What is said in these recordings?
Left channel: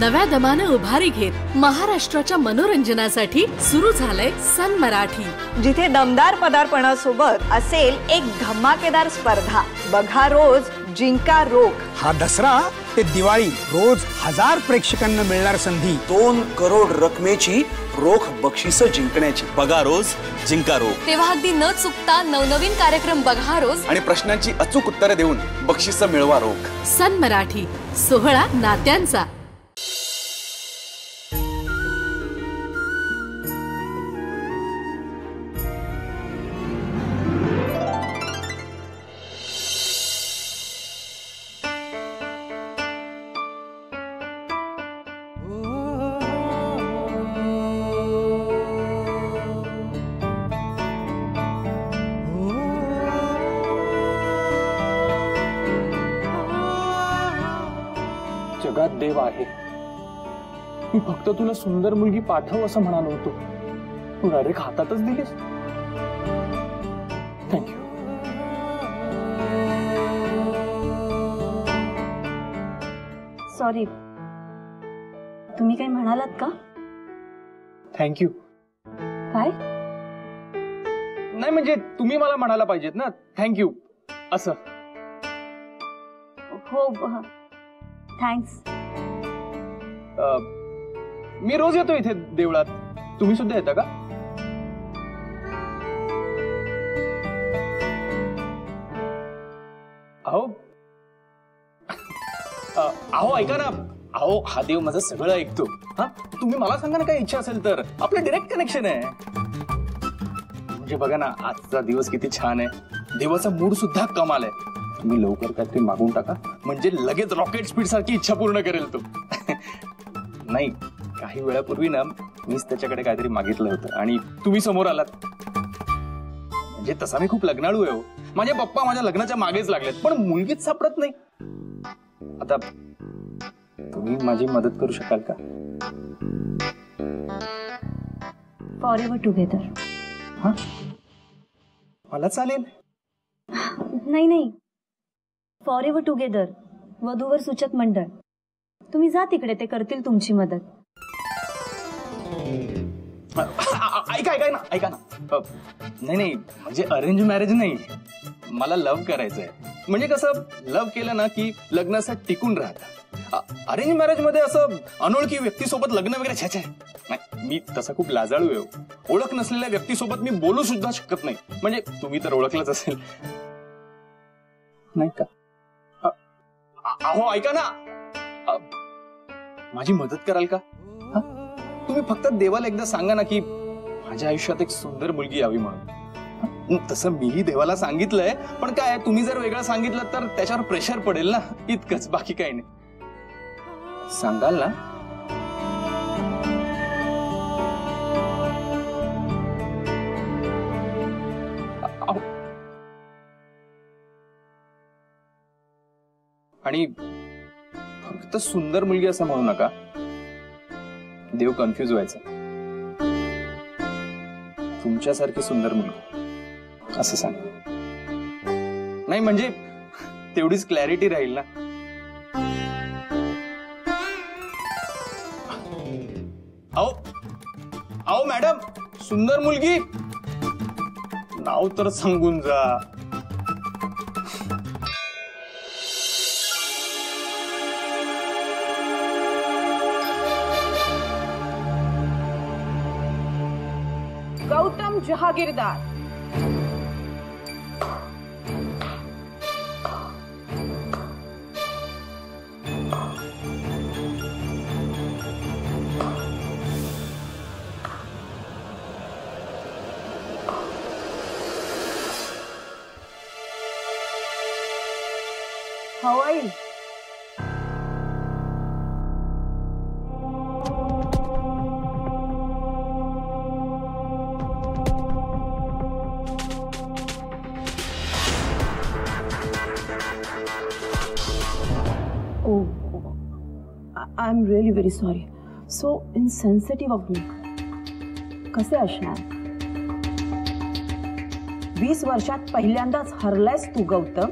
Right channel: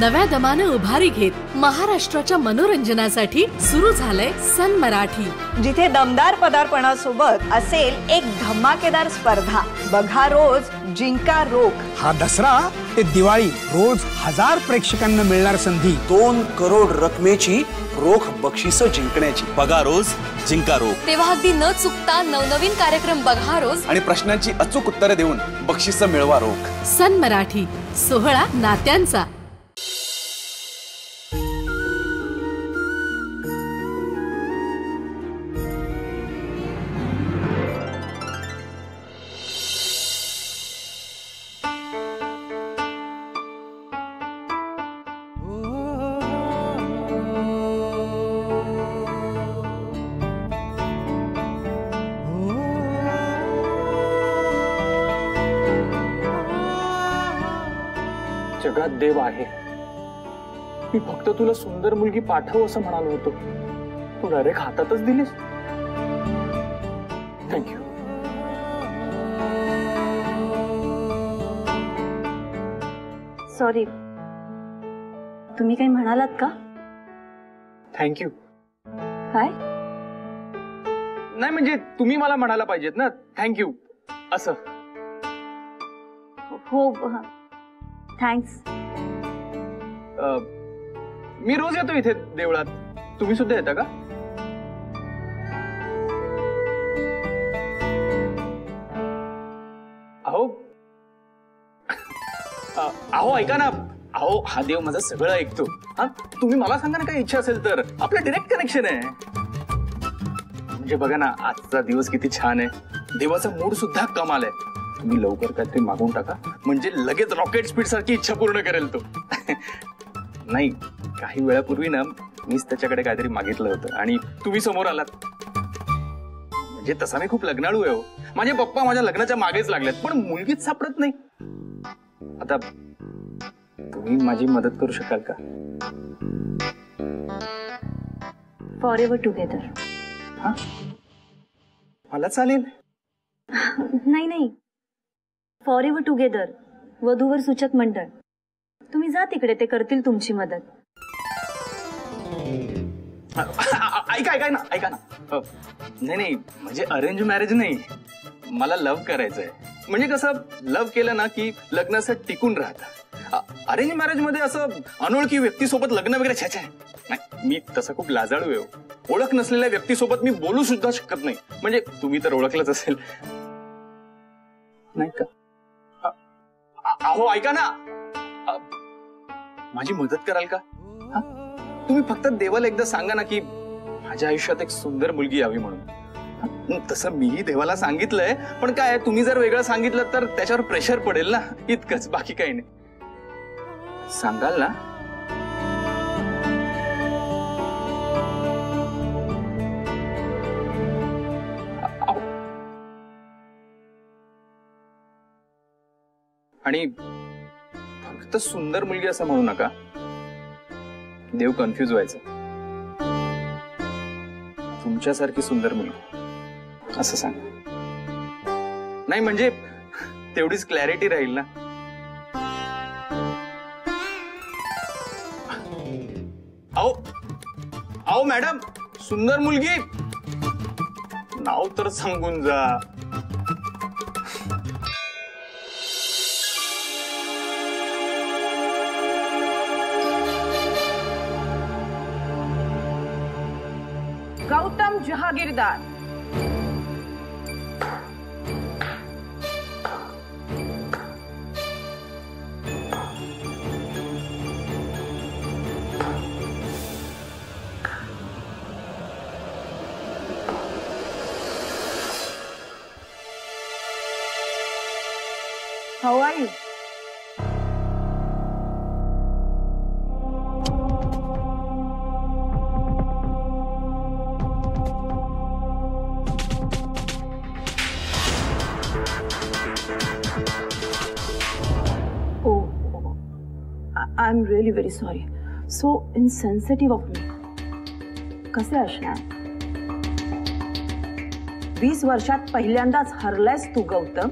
नव्या दमानं उभारी घेत महाराष्ट्राच्या मनोरंजनासाठी सुरू झालंय सन मराठी, जिथे दमदार पदार्पणासोबत असेल एक धमाकेदार स्पर्धा। बघा रोज जिंका रोख। हा दसरा ते दिवाळी रोज 1000 प्रेक्षकांना मिळणार संधी। 2 करोड रकमेची रोख बक्षिस जिंकण्याची। बघा रोज जिंका रोख। तेव्हा अगदी न चुकता नवनवीन कार्यक्रम बघा रोज आणि प्रश्नांची अचूक उत्तरे देऊन बक्षिस मिळवा रोख। सन मराठी, सोहळा नात्यांचा। जगात देव आहे। मी फक्त तुला सुंदर मुलगी पाठव असं म्हणालो होतो, तू डायरेक्ट हातातच दिलीस। थँक्यू। सॉरी, तुम्ही काही म्हणालात का? थँक्यू। काय? नाही म्हणजे तुम्ही मला म्हणायला पाहिजेत ना थँक्यू असं। हो, थँक्स। मी रोज येतो इथे देवळात, तुम्ही सुद्धा येता का? अहो अहो ऐका ना, अहो हा देव माझं सगळं ऐकतो। हा, तुम्ही मला सांगा ना काही इच्छा असेल तर, आपलं डायरेक्ट कनेक्शन आहे। म्हणजे बघा ना, आजचा दिवस किती छान आहे, देवाचा मूड सुद्धा कमाल आहे। तुम्ही लवकर काहीतरी मागून टाका, म्हणजे लगेच रॉकेट स्पीड सारखी इच्छा पूर्ण करेल तो। नाही, काही वेळापूर्वी ना मीच त्याच्याकडे काहीतरी मागितलं होतं आणि तुम्ही समोर आलात। म्हणजे तसा मी खूप लग्नाळू आहे हो, माझे पप्पा माझ्या लग्नाच्या मागेच लागलेत, पण मुलगीच सापडत नाही। आता तुम्ही माझी मदत करू शकाल का? For ever together. हा, मला चालेल। नाही, फॉर एव्हर टुगेदर, वधूवर सूचक मंडळ। तुम्ही जा तिकडे, ते करतील तुमची मदत। ऐका ना नाही म्हणजे अरेंज मॅरेज नाही, मला लव्ह करायचंय। म्हणजे कसं, लव्ह केलं ना की लग्न असं टिकून राहतं। अरेंज मॅरेज मध्ये असं अनोळखी व्यक्तीसोबत लग्न वगैरे छाछा नाही, मी तसा खूप लाजाळू आहे। ओळख नसलेल्या व्यक्तीसोबत मी बोलू सुद्धा शकत नाही। म्हणजे तुम्ही तर ओळखलंच असेल नाही का? अहो ऐका ना, माझी मदत कराल का? तुम्ही फक्त देवाला एकदा सांगा ना की माझ्या आयुष्यात एक सुंदर मुलगी यावी म्हणून। तसं मीही देवाला सांगितलंय, पण काय तुम्ही जर वेगळं सांगितलं तर त्याच्यावर प्रेशर पडेल ना, इतकंच, बाकी काही नाही। सांगाल ना? आणि फक्त सुंदर मुलगी असं म्हणू नका, देव कन्फ्यूज व्हायचा। तुमच्यासारखी सुंदर मुलगी असं सांगा। नाही म्हणजे तेवढीच क्लॅरिटी राहील ना। आओ मॅडम, सुंदर मुलगी नाव तर सांगून जा। Gautam Jahagirdar. How are you? I'm really very sorry. So insensitive of me. कसे असणार? 20 वर्षात पहिल्यांदाच हरलायस तू गौतम।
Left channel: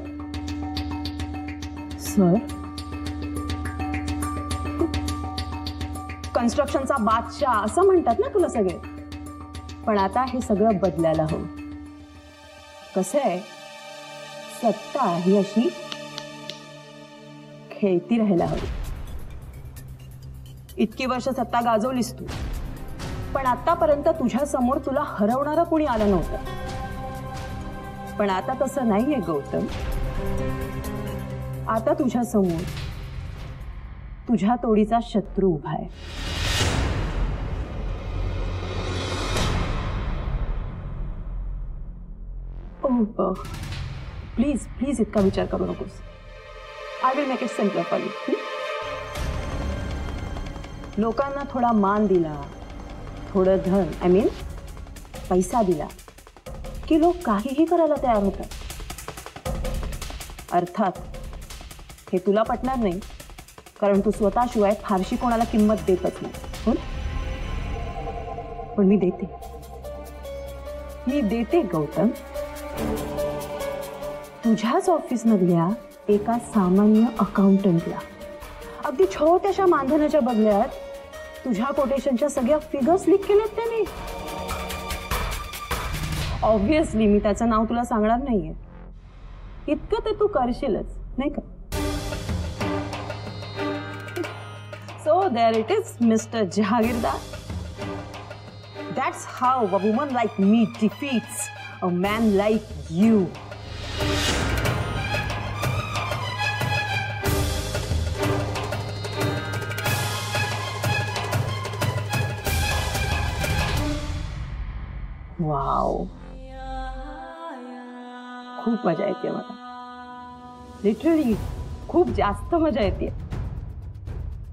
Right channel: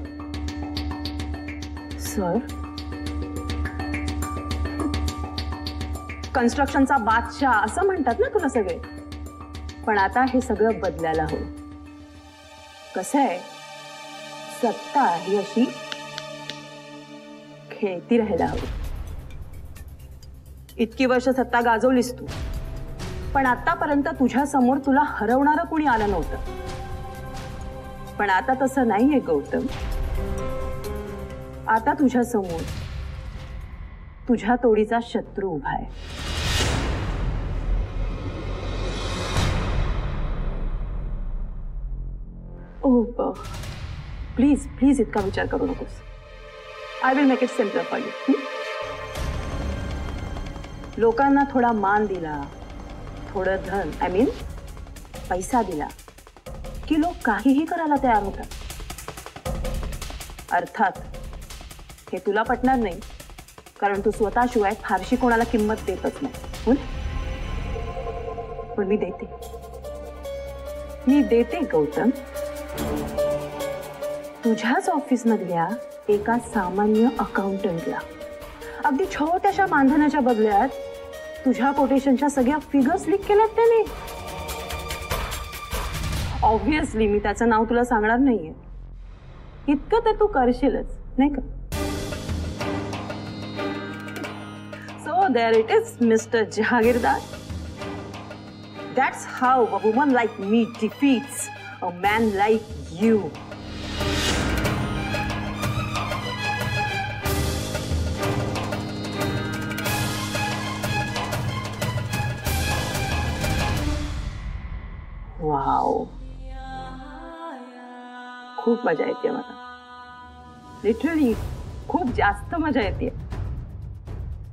सर कन्स्ट्रक्शनचा बादशाह असं म्हणतात ना तुला सगळे. पण आता हे सगळं बदलायला हवं. कसं आहे, सत्ता ही अशी खेळती राहायला हवी. इतकी वर्ष सत्ता गाजवलीस तू, पण आतापर्यंत तुझ्या समोर तुला हरवणारं कुणी आलं नव्हतं. पण आता तसं नाहीये गौतम. आता तुझ्या समोर तुझ्या तोडीचा शत्रू उभा आहे. ओ प्लीज प्लीज इतका विचार करू नकोस. I will make it simpler for you. लोकांना थोडा मान दिला, थोडं धन आय मीन पैसा दिला की लोक काहीही करायला तयार होतात. अर्थात हे तुला पटणार नाही, कारण तू स्वतःशिवाय फारशी कोणाला किंमत देतच नाही. पण मी देते गौतम. तुझ्याच ऑफिसमधल्या एका सामान्य अकाउंटंटला अगदी छोट्याशा मानधनाच्या बदल्यात तुझ्या कोटेशनच्या सगळ्या फिगर्स लीक केल्यात त्याने. ऑब्व्हियसली मी त्याचं नाव तुला सांगणार नाहीये. इतकं तर तू करशीलच नाही का. So there it is mister Jahagirdar. That's how a woman like me defeats a man like you. Wow, खूप मजा येते मला. लिटरली खूप जास्त मजा येते.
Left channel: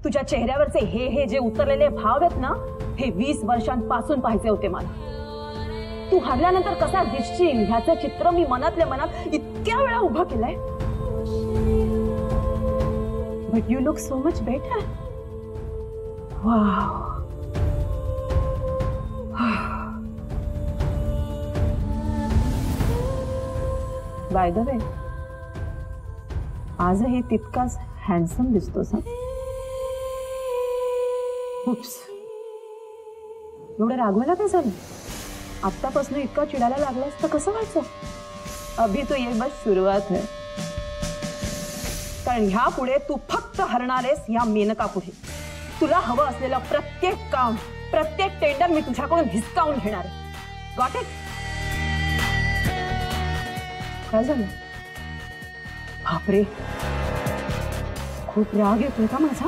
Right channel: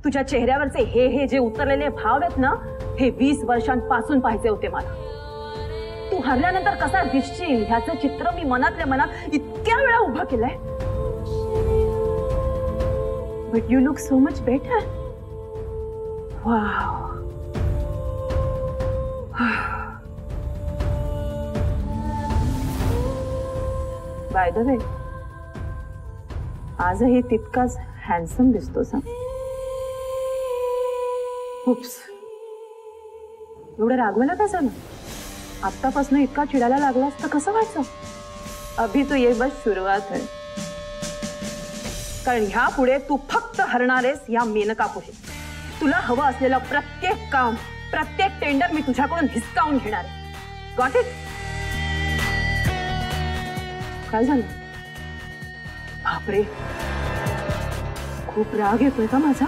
तुझ्या चेहऱ्यावरचे हे जे उतरलेले भाव आहेत ना, हे 20 वर्षांपासून पाहिजे होते मला. तू हरल्यानंतर कसा दिसशील ह्याचं चित्र मी मनातल्या मनात इतक्या वेळा उभं केलंय. But you look so much better. Wow. By the way, आजही तितकाच हँडसम दिसतोस. उप्स, एवढं रागवायला काय झालं? आत्तापासून इतका चिडायला लागलास तर कसं व्हायचं? अभी तो ये बस सुरुवात है. कारण ह्या पुढे तू फक्त हरणारेस या मेनका पुढे. तुला हवं असलेलं प्रत्येक काम, प्रत्येक टेंडर मी तुझ्याकडून हिसकावून घेणार आहे. Got it? काय झालं? बापरे, खूप राग येतोय का माझा?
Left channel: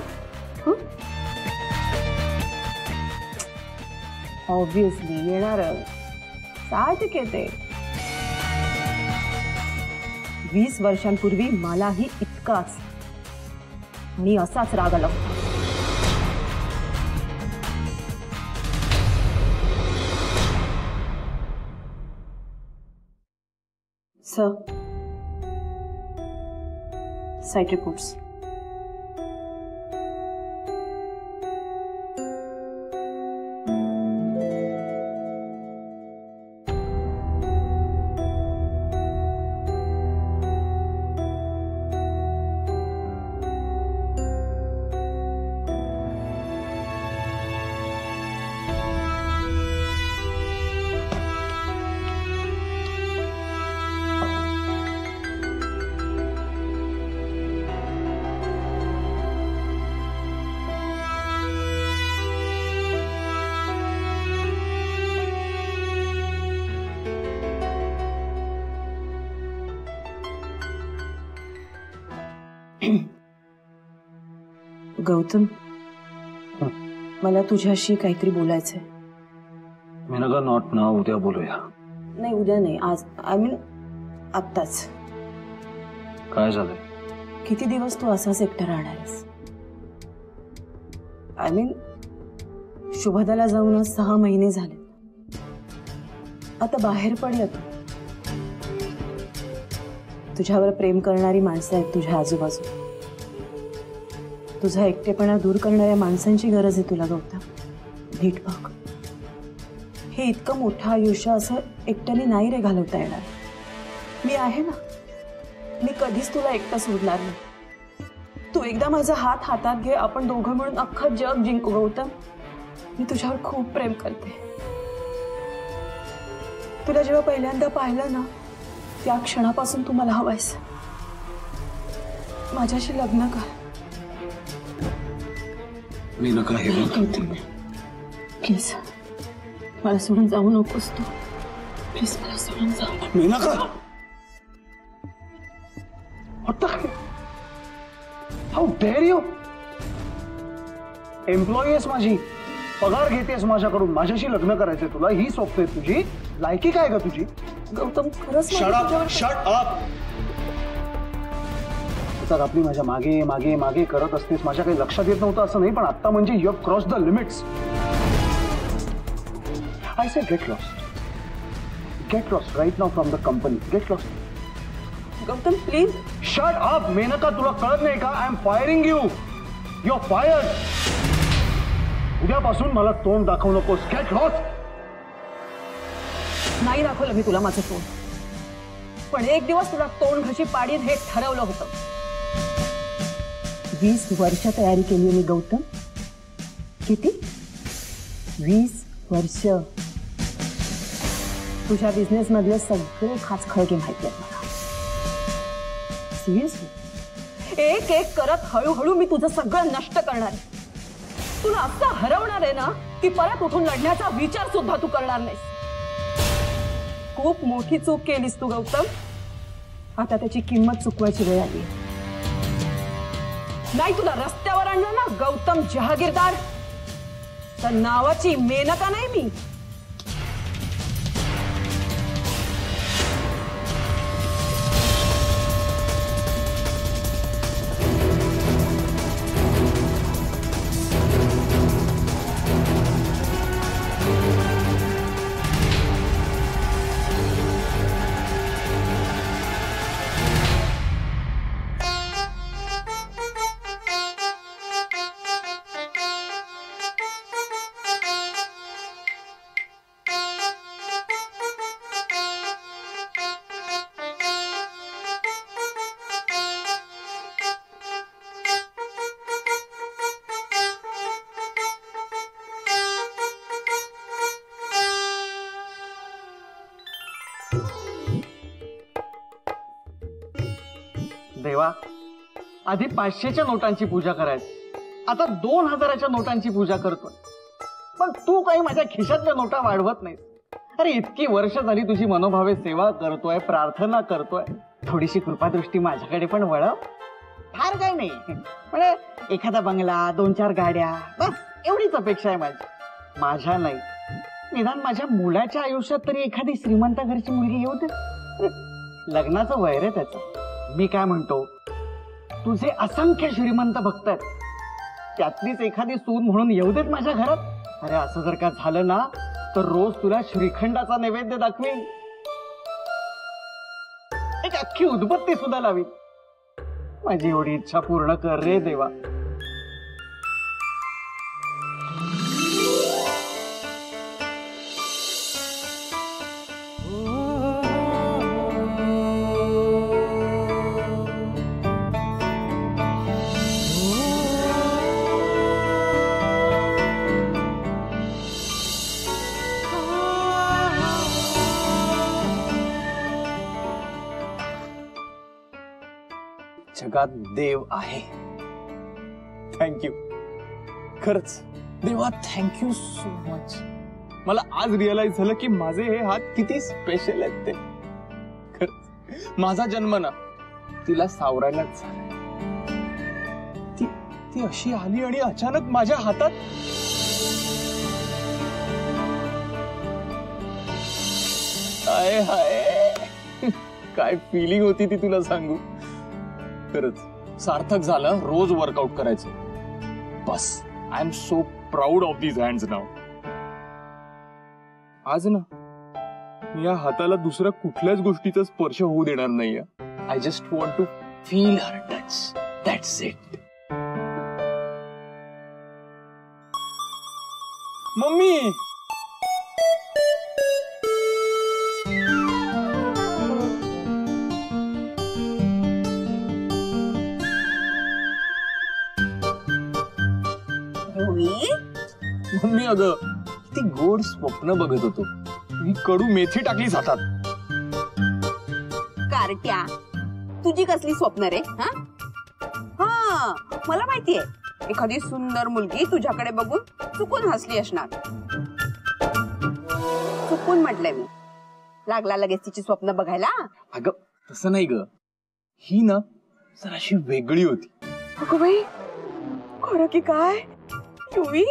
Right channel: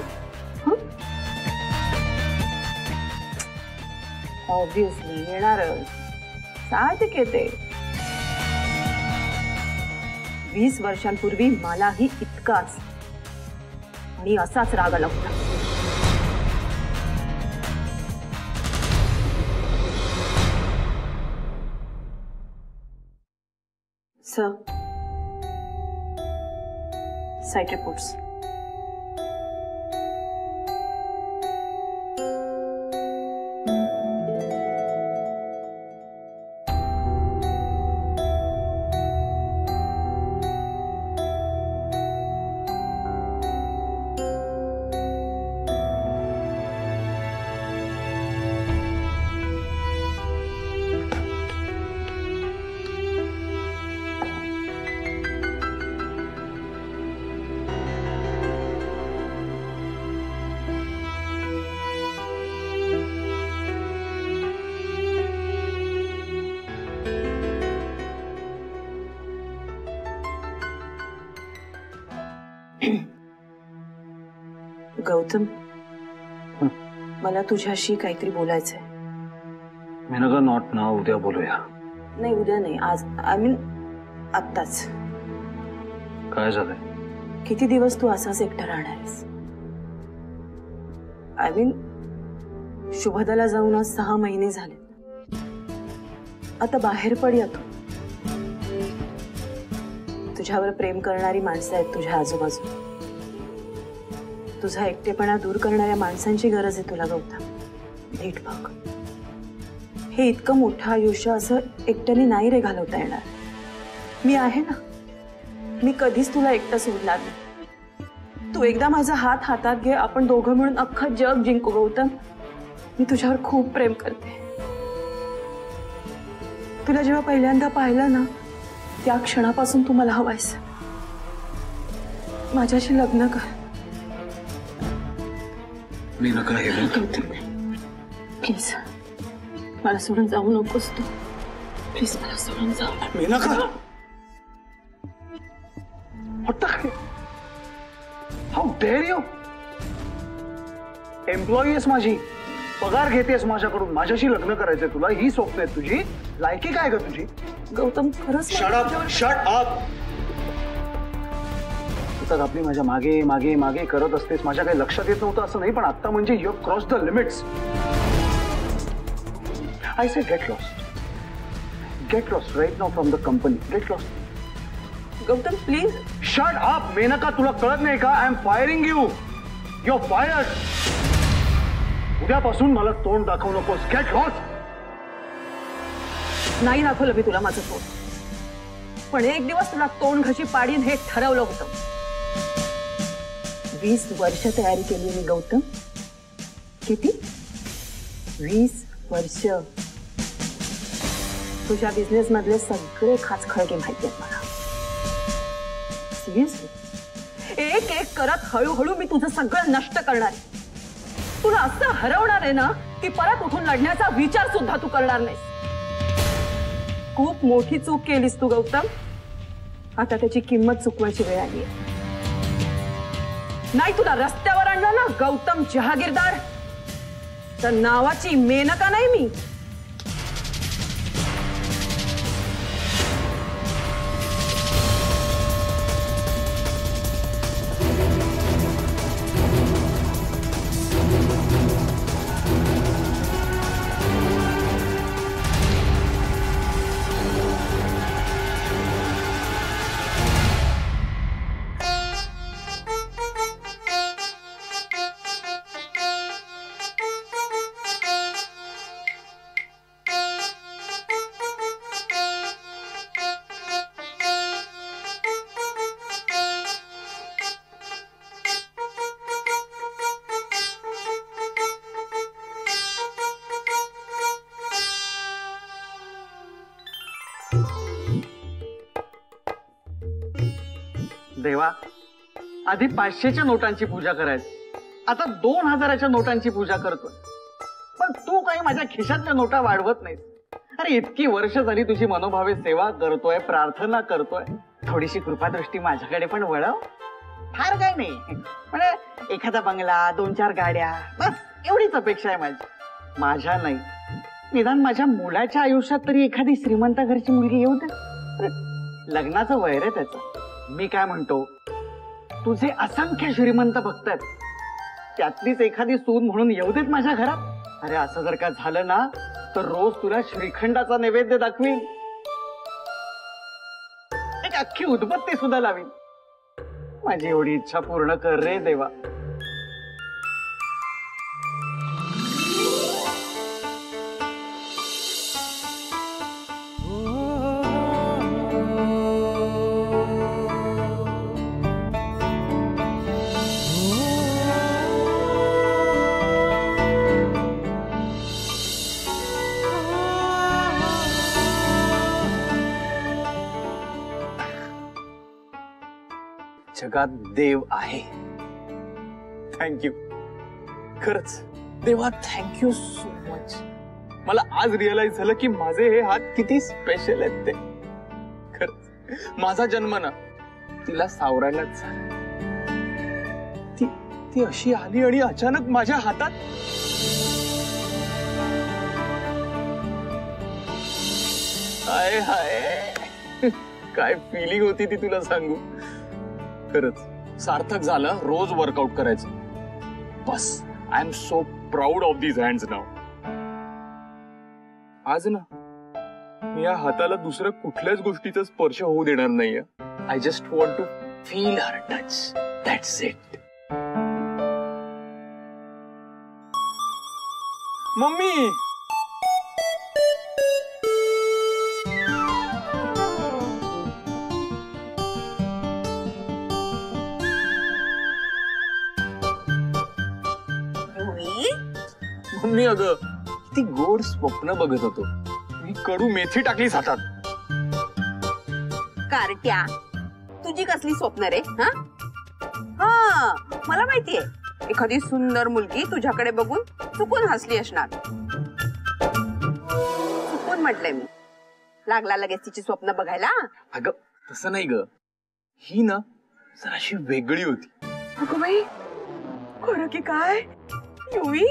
ऑब्व्हियसली येणारच, साहजिक येते. 20 वर्षांपूर्वी मलाही इतकाच आणि असाच राग आला होता. Sir, site reports. गौतम, मला तुझ्याशी काहीतरी बोलायचंय. मेनका, नॉट नाउ, उद्या बोलूया. नाही, उद्या नाही, आज. आय मीन आत्ताच. काय झालंय? किती दिवस तू असाच एकटा राहणार आहेस? आय मीन शुभदाला जाऊन आज 6 महिने झाले. आता बाहेर पड या. तू तुझ्यावर प्रेम करणारी माणसं आहेत तुझ्या आजूबाजू. तुझा एकटेपणा दूर करणाऱ्या माणसांची गरज आहे तुला गौतम. नीट बघ, हे इतकं मोठं आयुष्य असं एकट्याने नाही रे घालवता येणार. मी आहे ना, मी कधीच तुला एकटं सोडणार नाही. तू एकदा माझा हात हातात घे, आपण दोघं म्हणून अख्खं जग जिंकू गौतम. मी तुझ्यावर खूप प्रेम करते. तुला जेव्हा पहिल्यांदा पाहिलं ना, त्या क्षणापासून तू मला हवायस. माझ्याशी लग्न कर. मी नका हे गौतम प्लीज मला सोडून जाऊ नकोस तू. प्लीज मला सोडून जाऊ. मी नका. How dare you. एम्प्लॉई आहेस माझी, पगार घेतेस माझ्याकडून, माझ्याशी लग्न करायचंय तुला, ही स्वप्न आहेत तुझी. लायकी काय का तुझी? गौतम खरंच शट अप. तर आपली माझ्या मागे मागे मागे करत असतेस. माझ्या काही लक्षात येत नव्हतं असं नाही, पण आता म्हणजे you have cross the limits. I say get lost. Get lost right now from the company. Get lost. Gautam please. Shut up Menaka, तुला कळत नाही का? I am firing you. You are fired. उद्यापासून मला तोंड दाखवू नकोस. Get lost. नाही दाखवलं मी तुला माझं तोंड, पण एक दिवस तुला तोंड घशी पाडीन हे ठरवलं होतं. 20 वर्ष तयारी केली मी गौतम. किती? 20 वर्ष. तुझ्या बिझनेस मधले सगळे खाचखळगे माहिती आहेत मला. सिरियसली एक एक करत हळूहळू मी तुझं सगळं नष्ट करणार आहे. तुला असं हरवणार आहे ना की परत उठून लढण्याचा विचार सुद्धा तू करणार नाहीस. खूप मोठी चूक केलीस तू गौतम. आता त्याची किंमत चुकवायची वेळ आली. नाही तुला रस्त्यावर आणलं ना गौतम जहागीरदार, तर नावाची मेनका नाही मी. देवा, आधी 500च्या नोटांची पूजा करायची, आता 2000च्या नोटांची पूजा करतोय. पण तू काही माझ्या खिशातल्या नोटा वाढवत नाहीस. अरे इतकी वर्ष झाली तुझी मनोभावे सेवा करतोय, प्रार्थना करतोय. थोडीशी कृपादृष्टी माझ्याकडे पण वळव. फार काही नाही, म्हणजे एखादा बंगला, 2-4 गाड्या, बस एवढीच अपेक्षा आहे माझी. माझ्या नाही, निदान माझ्या मुलाच्या आयुष्यात तरी एखादी श्रीमंत घरची मुलगी येऊ दे. लग्नाचं वय रे त्याचं. मी काय म्हणतो, तुझे असंख्य श्रीमंत भक्त आहेत, त्यातलीच एखादी सून म्हणून येऊ देत माझ्या घरात. अरे असं जर का झालं ना तर रोज तुला श्रीखंडाचा नैवेद्य दाखवीन, एक अख्खी उदबत्ती सुद्धा लावीन. माझी एवढी इच्छा पूर्ण कर रे देवा. जगात देव आहे. थँक्यू. खरंच देवा, थँक्यू सो मच. मला आज रिअलाइज झालं की माझे हे हात किती स्पेशल आहेत ते. खरंच माझा जन्म ना तिला सावरायलाच झाला. ती अशी आली आणि अचानक माझ्या हातात. हाय हाय, काय फिलिंग होती ती तुला सांगू. खरंच सार्थक झालं रोज वर्कआउट करायचं. बस I am so proud of these hands now. आज ना मी या हाताला दुसऱ्या कुठल्याच गोष्टीचा स्पर्श होऊ देणार नाहीये. I just want to feel her touch. That's it. Mummy, mummy? Mummy अगं ती गोड स्वप्न बघत होतो. ही कडू मेथी टाकलीस हातात. कारट्या, तुझी कसली स्वप्न रे? हा हा, मला माहितीये, एखादी सुंदर मुलगी तुझ्याकडे बघून चुकून हसली असणार. चुकून म्हटलंय मी. लागला लगेच तिची स्वप्न बघायला? अगं तसं नाही ग, ही ना जराशी वेगळी होती. अगं बाई, खरं की काय युवी?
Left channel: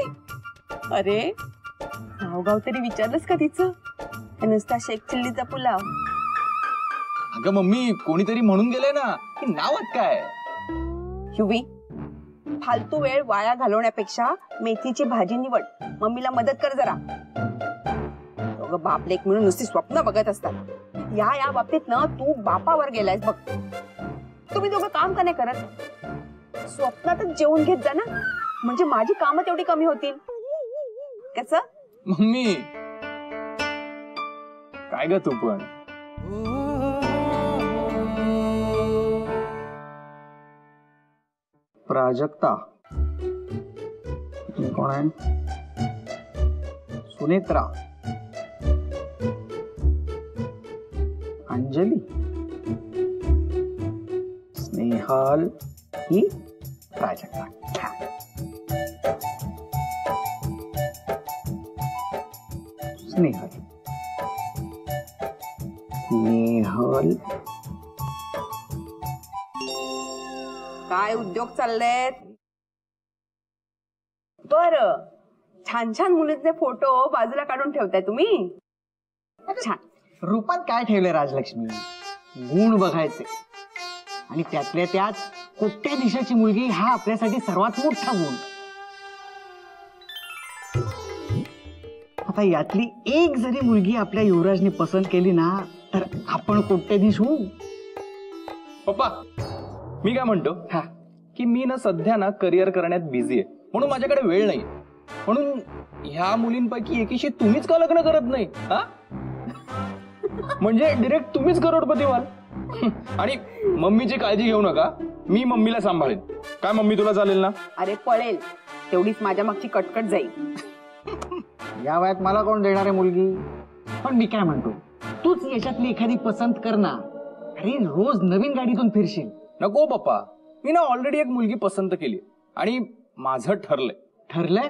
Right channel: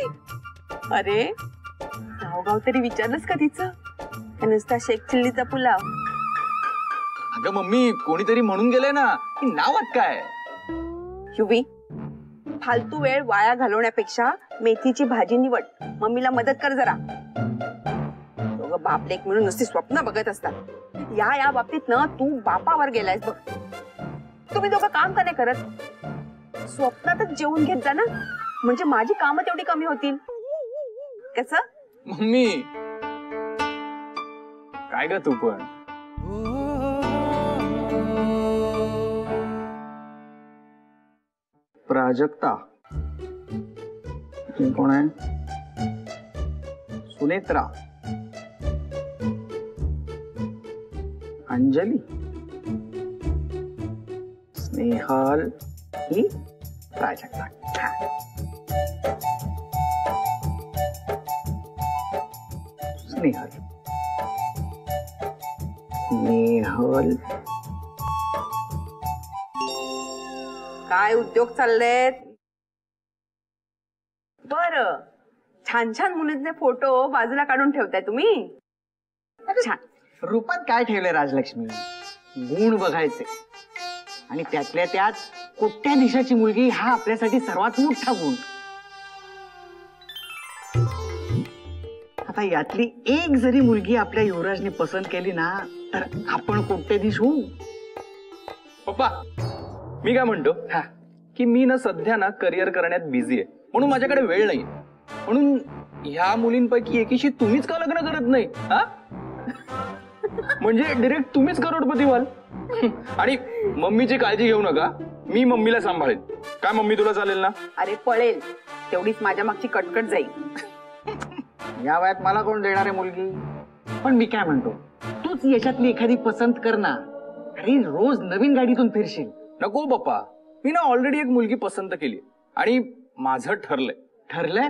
अरे नाव गाव तरी विचारलंस का तिचं? नुसता शेख चिल्लीचा पुलाव. अगं मम्मी, कोणीतरी म्हणून गेलंय ना की नावात काय. युवी, फालतू वेळ वाया घालवण्यापेक्षा मेथीची भाजी निवड. मम्मीला मदत कर जरा. दोघं बाप लेक मिळून नुसती स्वप्न बघत असतात. या बाबतीत ना तू बापावर गेलायस बघ. तुम्ही दोघं काम का नाही करत? स्वप्नातच जेवून घेत जा ना, म्हणजे माझी कामं तेवढी कमी होतील. कसं? मम्मी काय ग तू पण. प्राजक्ता कोण आहे? सुनेत्रा, अंजली, स्नेहल ही प्राजक्ता. स्नेहल, स्नेहल. काय उद्योग चाललेत? बरं, छान छान मुलींचे फोटो बाजूला काढून ठेवताय तुम्ही. छान. रूपात काय ठेवलंय राजलक्ष्मी? गुण बघायचे, आणि त्यातल्या त्यात कोट्याधीशाची मुलगी हा आपल्यासाठी सर्वात मोठा गुण. आता यातली एक जरी मुलगी आपल्या युवराजनी पसंत केली ना तर आपण कोट्याधीश होऊ. पप्पा, मी काय म्हणतो की मी ना सध्या ना करिअर करण्यात बिझी आहे, म्हणून माझ्याकडे वेळ नाही. म्हणून ह्या मुलींपैकी एकीशी तुम्हीच का लग्न करत नाही? हा, म्हणजे डिरेक्ट तुम्हीच करोडपती व्हाल. आणि मम्मीची काळजी घेऊ नका, मी मम्मीला सांभाळेन. काय मम्मी, तुला चालेल ना? अरे पळेल, तेवढीच माझ्या मागची कटकट जाईल. या वयात मला कोण देणार आहे मुलगी? पण मी काय म्हणतो, तूच याच्यातली एखादी पसंत कर ना. अरे रोज नवीन गाडीतून फिरशील. नको पप्पा, मी ना ऑलरेडी एक मुलगी पसंत केली आणि माझं ठरलंय. ठरलंय?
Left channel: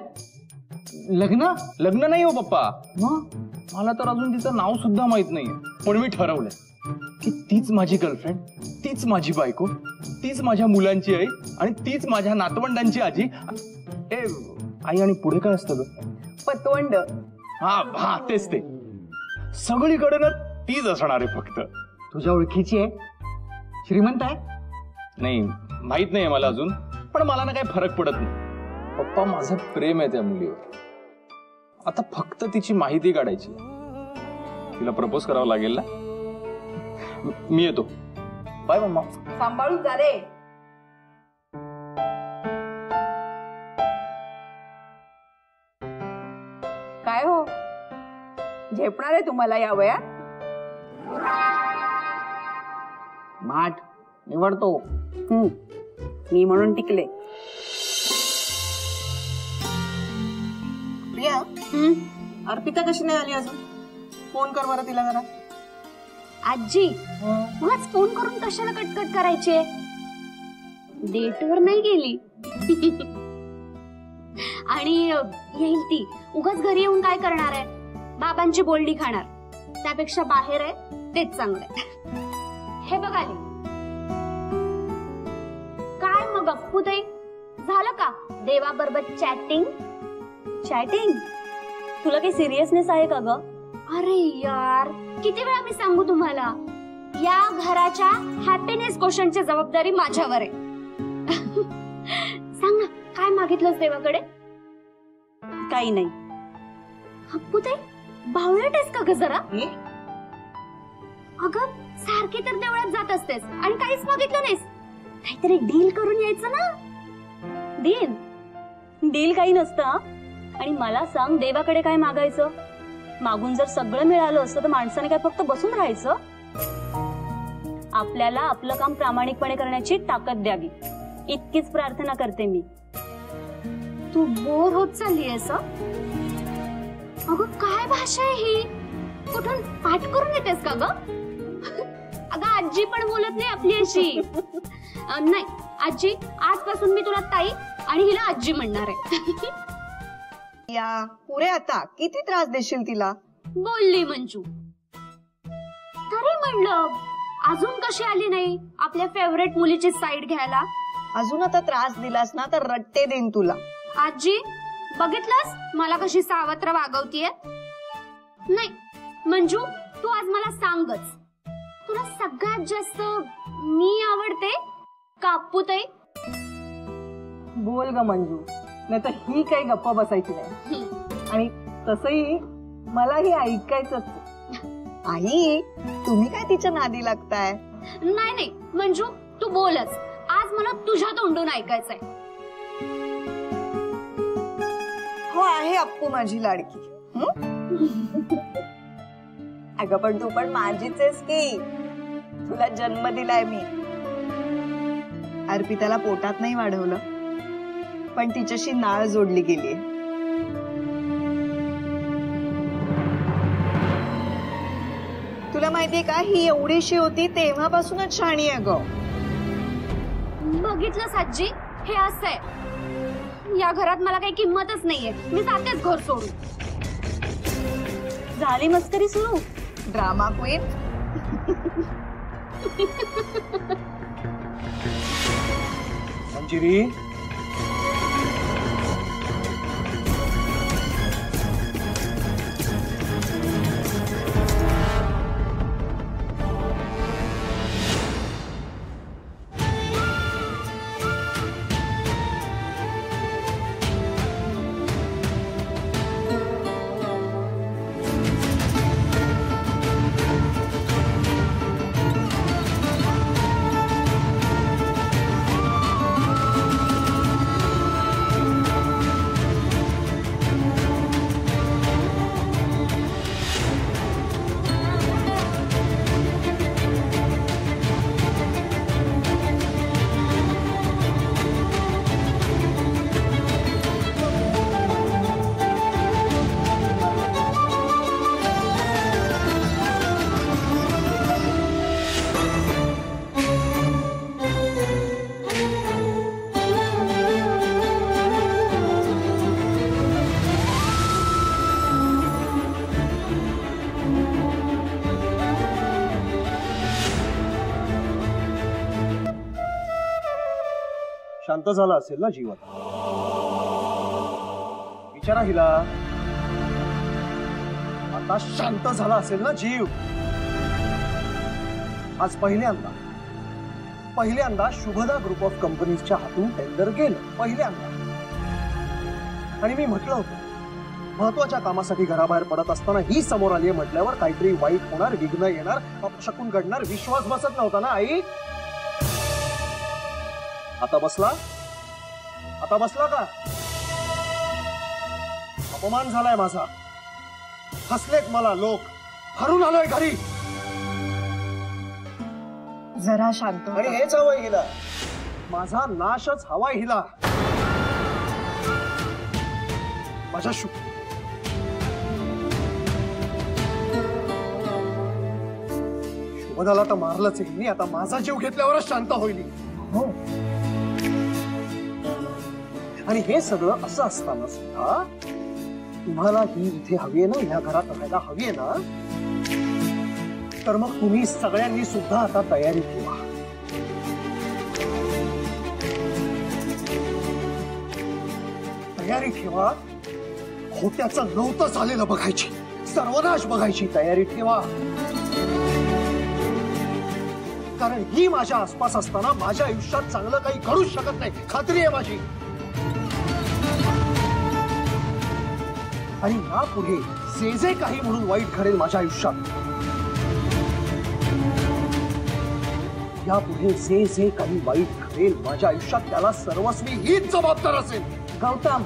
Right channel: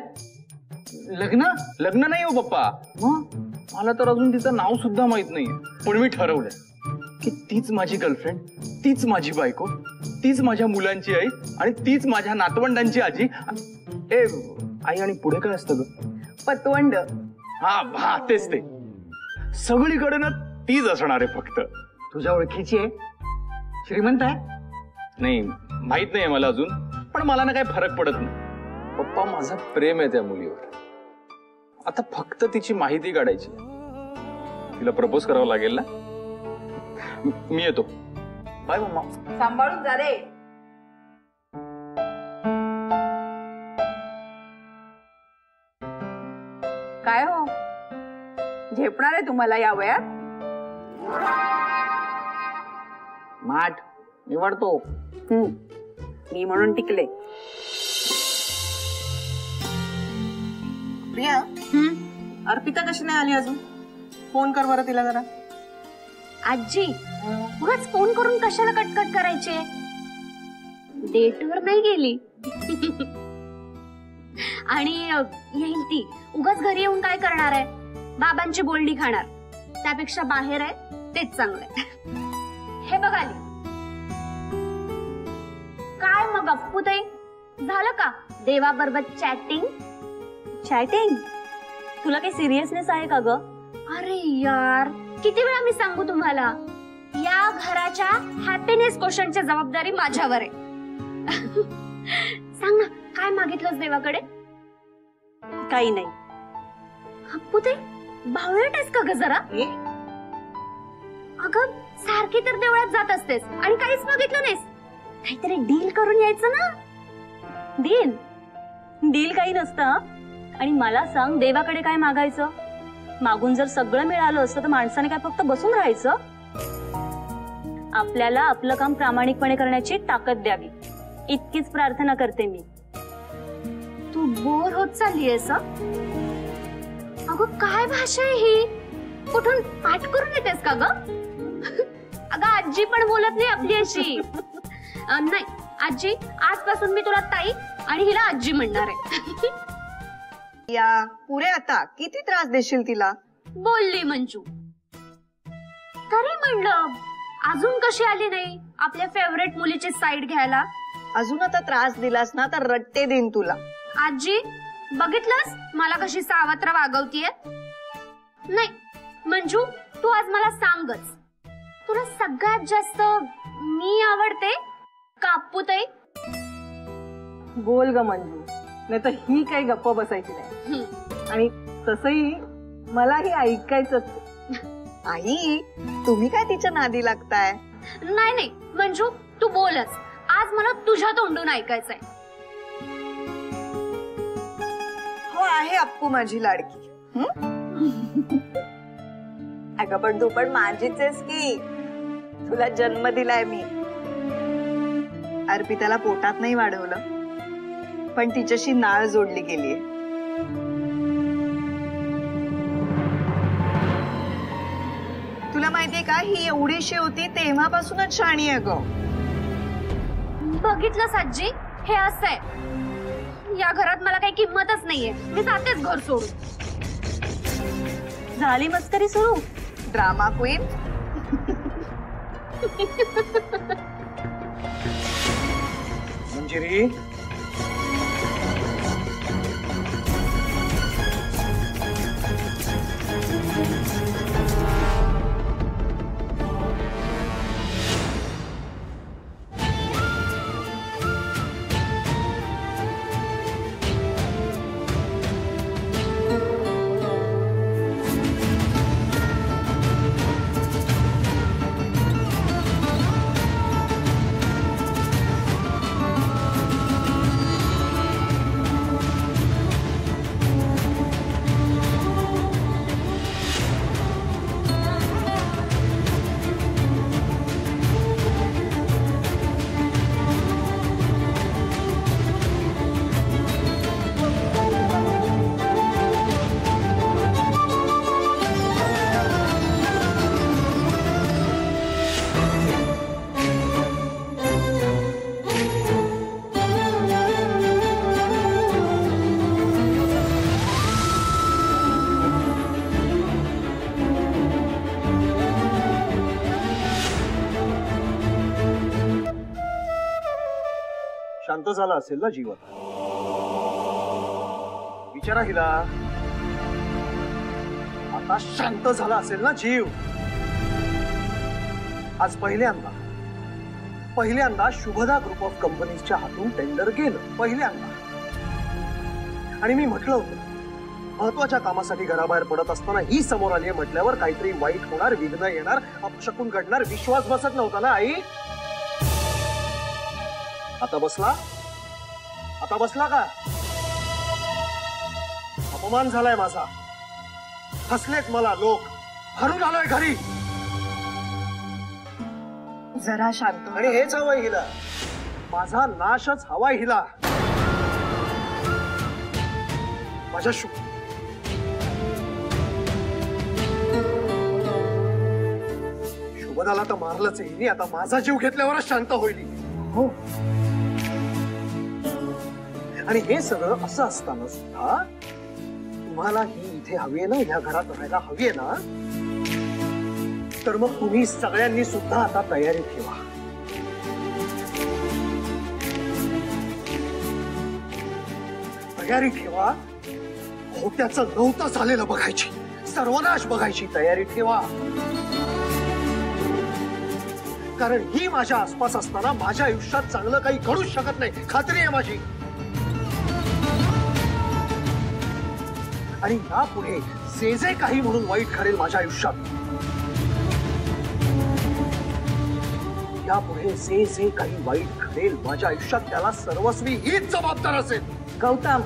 लग्न? लग्न नाही हो पप्पा. मग मला तर अजून तिचं नाव सुद्धा माहित नाहीये, पण मी ठरवलंय की तीच माझी गर्लफ्रेंड, तीच माझी बायको, तीच माझ्या मुलांची आई आणि तीच माझ्या नातवंडांची आजी. ए आई, आणि पुढे काय असतं ग? पतवंड. हा, तेच ते. सगळीकडे ना तीच असणार आहे. फक्त तुझ्या ओळखीची आहे? श्रीमंत आहे? नाही, माहित नाहीये मला अजून, पण मला ना काही फरक पडत नाही. पप्पा, माझं प्रेम आहे त्या मुलीवर. आता फक्त तिची माहिती काढायची. तिला प्रपोज करावं लागेल ना. मी येतो. Bye mama. सांभाळून जा रे. काय हो, झेपणार आहे तुम्हाला या वयात? माठ निवडतो. मी म्हणून टिकले. प्रिया, अर्पिता कशी नाही आली अजून? फोन कर बरं तिला जरा. आजी, मगच फोन करून कशाला कटकट करायचे? डेटवर नाही गेली. आणि येईल ती. उगाच घरी येऊन काय करणार आहे? बाबांची बोलणी खाणार. त्यापेक्षा बाहेर आहे तेच चांगलंय. हे बघ आली. काय मग अप्पू ताई, झालं का देवाबरोबर चॅटिंग? चॅटिंग? तुला काही सिरियसनेस आहे का ग? अरे यार, किती वेळा मी सांगू तुम्हाला, या घराच्या हॅपीनेस क्वेश्चनची जबाबदारी माझ्यावर आहे. सांग ना, काय मागितलंस देवाकडे? काही नाही. अप्पू ताई, बावळट आहेस का ग जरा? अगं, सारखी तर देवळात जात असतेस आणि काहीच मागितलं नाहीस. काहीतरी डील करून यायचं ना. डील? डील काही नसतं. आणि मला सांग, देवाकडे काय मागायचं? मागून जर सगळं मिळालं असतं तर माणसाने काय फक्त बसून राहायचं? आपल्याला आपलं काम प्रामाणिकपणे करण्याची ताकद द्यावी, इतकीच प्रार्थना करते मी. तू बोर होत चाललीयस? अगं काय भाषा आहे ही? कुठून पाठ करून येतेस का ग? अगं आजी पण बोलत नाही आपली अशी. नाही आजी, आजपासून मी तुला ताई आणि हिला आजी म्हणणार आहे. या पुरे आता किती त्रास देशील तिला? बोलली मंजू. तरी म्हणलं अजून कशी आली नाही आपल्या फेवरेट मुलीची साईड घ्यायला? अजून आता त्रास दिलास ना तर रट्टे देईन तुला. आजी बघितलंस मला कशी सावत्र वागवतीये? नाही मंजू, तू आज मला सांगच, तुला सगळ्यात जास्त मी आवडते का अप्पूताई? बोल ग मंजू, नाही तर ही काही गप्प बसायची नाही. आणि तसंही मलाही ऐकायचंच. आई तुम्ही काय तिच्या नादी लागताय? नाही नाही मंजू, तू बोलच. आज मला तुझ्या तोंडून ऐकायचंय. हो आहे अप्पू माझी लाडकी. अगं पण तू पण माझीच आहेस की. तुला जन्म दिलाय मी. अर्पिताला पोटात नाही वाढवलं, पण तिच्याशी नाळ जोडली गेली. तुला माहितीये का, ही एवढीशी होती तेव्हापासूनच शाणी आहे ग. बघितलंस आजी, हे असं आहे. या घरात मला काही किंमतच नाहीये. मी जातेच घर सोडून. झाली मस्करी सुरू? Drama queen. मंजिरी, शांत झाला असेल ना जीवन? विचारा हिला. आता शांत झाला असेल ना जीव? आज पहिल्यांदा शुभदा ग्रुप ऑफ कंपनीजच्या हातून टेंडर गेलं. पहिल्यांदा. आणि मी म्हटलं होतं महत्वाच्या कामासाठी घराबाहेर पडत असताना ही समोर आली म्हटल्यावर काहीतरी वाईट होणार, विघ्न येणार, अपशकुन घडणार. विश्वास बसत नव्हता ना आई? आता बसला का? अपमान झालाय माझा. हसलेत मला लोक. हरून आलोय घरी. जरा शांत. आणि हेच हवंय हिला. माझा नाशच हवाय हिला. माझ्या शुभदाला तर मारलंच हिने. आता माझा जीव घेतल्यावरच शांत होईल. हो. आणि हे सगळं असं असताना सुद्धा तुम्हाला ही इथे हवीये ना, ह्या घरात राहायला हवीये ना, तर मग तुम्ही सगळ्यांनी सुद्धा आता तयारी ठेवा. तयारी ठेवा. होत्याचं नव्हतं झालेलं बघायची, सर्वनाश बघायची तयारी ठेवा. कारण ही माझ्या आसपास असताना माझ्या आयुष्यात चांगलं काही घडूच शकत नाही. खात्री आहे माझी. आणि यापुढे जे जे काही म्हणून वाईट घडेल माझ्या आयुष्यात, यापुढे जे जे काही वाईट घडेल माझ्या आयुष्यात, त्याला सर्वस्वी हीच जबाबदार असेल. गौतम,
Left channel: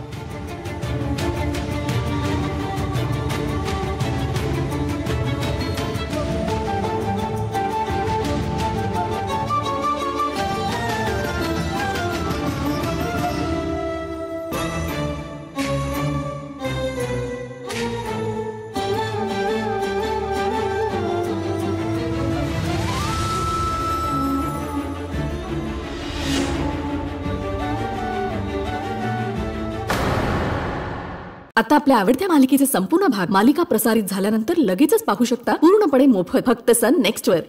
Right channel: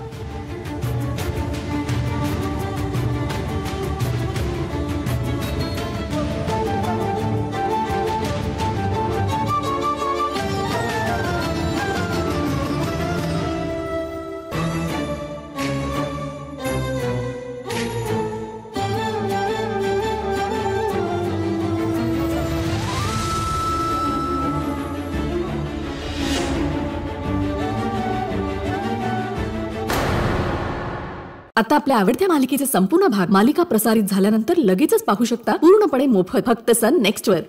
आता आपल्या आवडत्या मालिकेचे संपूर्ण भाग मालिका प्रसारित झाल्यानंतर लगेचच पाहू शकता पूर्णपणे मोफत फक्त सन नेक्स्ट वर.